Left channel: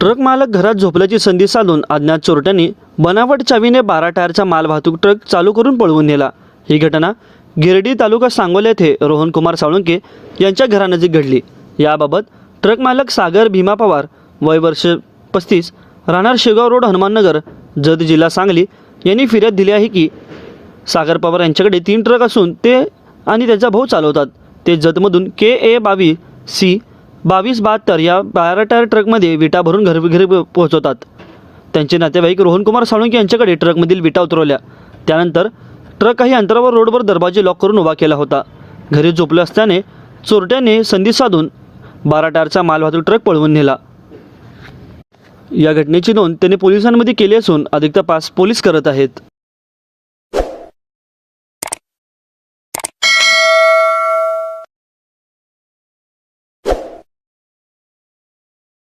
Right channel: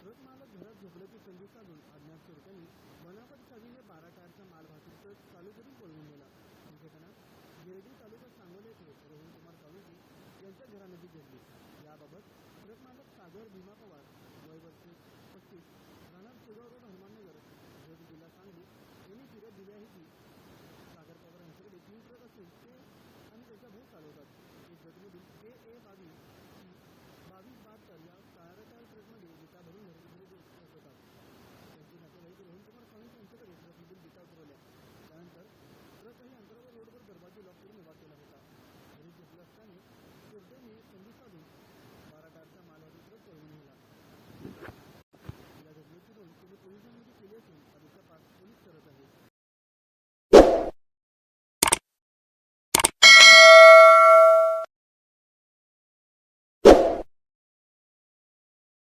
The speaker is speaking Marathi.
ट्रक मालक घरात झोपल्याची संधी साधून अज्ञात चोरट्यांनी बनावट चावीने बारा टायरचा माल वाहतूक ट्रक चालू करून पळवून नेला. ही घटना गिरडी तालुका सांगोला येथे रोहन कुमार साळुंके यांच्या घरानजीक घडली. याबाबत ट्रक मालक सागर भीमा पवार वय वर्ष पस्तीस राहणार शेगाव रोड हनुमाननगर जत जिल्हा सांगली यांनी फिर्याद दिली आहे की सागर पवार यांच्याकडे तीन ट्रक असून ते आणि त्यांचा भाऊ चालवतात. ते जतमधून के ए बावीस सी बावीस बहात्तर या बारा टायर ट्रकमध्ये विटा भरून घर घरी पोहोचवतात. त्यांचे नातेवाईक रोहनकुमार साळुंके यांच्याकडे ट्रकमधील विटा उतरवल्या. त्यानंतर ट्रक काही अंतरावर रोडवर दरवाजे लॉक करून उभा केला होता. घरी झोपले असल्याने चोरट्याने संधी साधून बारा टायरचा मालवाहतूक ट्रक पळवून नेला. या घटनेची नोंद त्याने पोलिसांमध्ये केली असून अधिक तपास पोलीस करत आहेत.